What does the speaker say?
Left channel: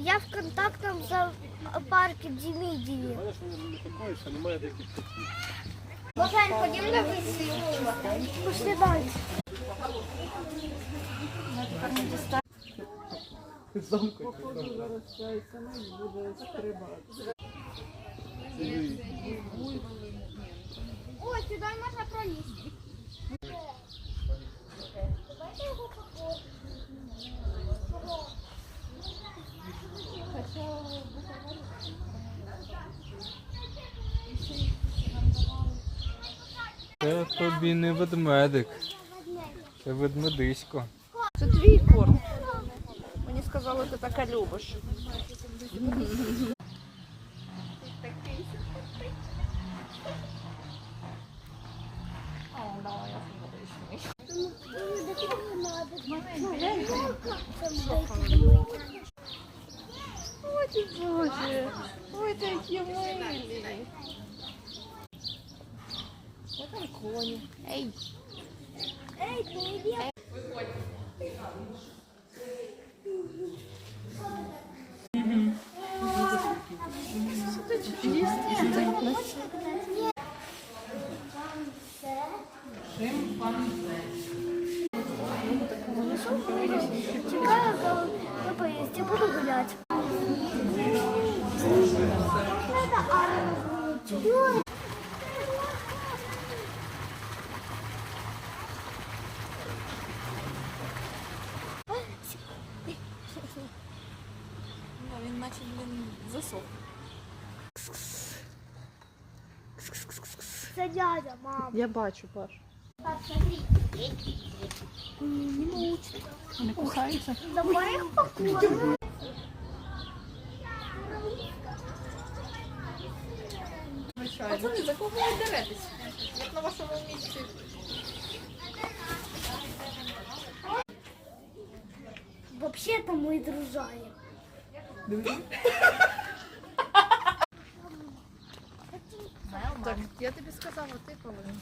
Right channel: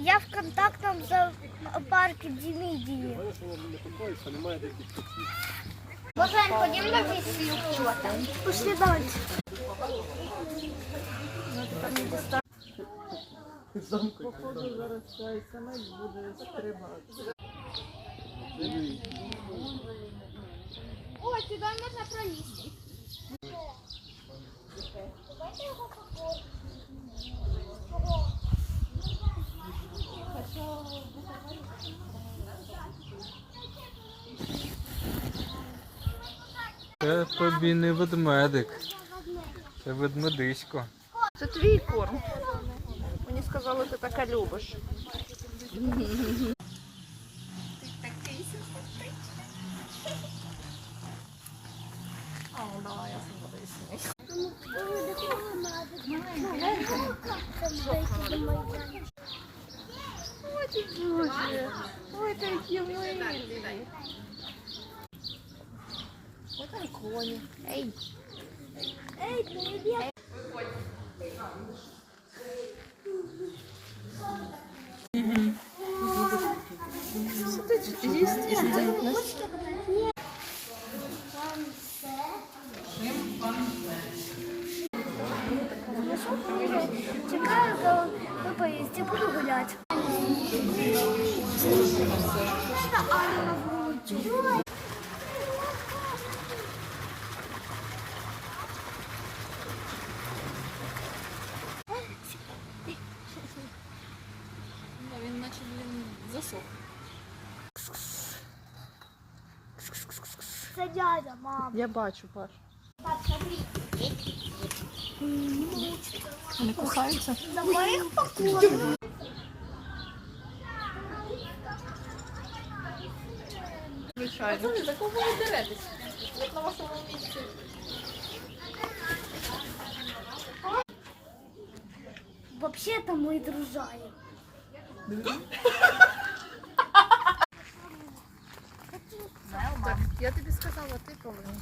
Я в контактному зоопарку Дімідії. Богдан, ходім на висію, що там. Пішли далі. Ой, сюди можна пролізти. Це тобі не ведмедик. Це ведмедисько. Це твій корм. Мені сказали, ти така любиш. Ой, ти боже. Ой, такі милі. Ой, там коні. Ей. Ей, привіт. Сидить, їсть і сидить. Чекаю, коли ви поїсти, буду гуляти. блін, засох. Це дядя, мама. Я бачу, Паш. Вони кохаються. За моїх покоїв. Звичайно. Пацани, за кого ви деретесь? Як на вашому місці. Взагалі-то ми дружаємо. Так, я тобі сказала, ти повинен.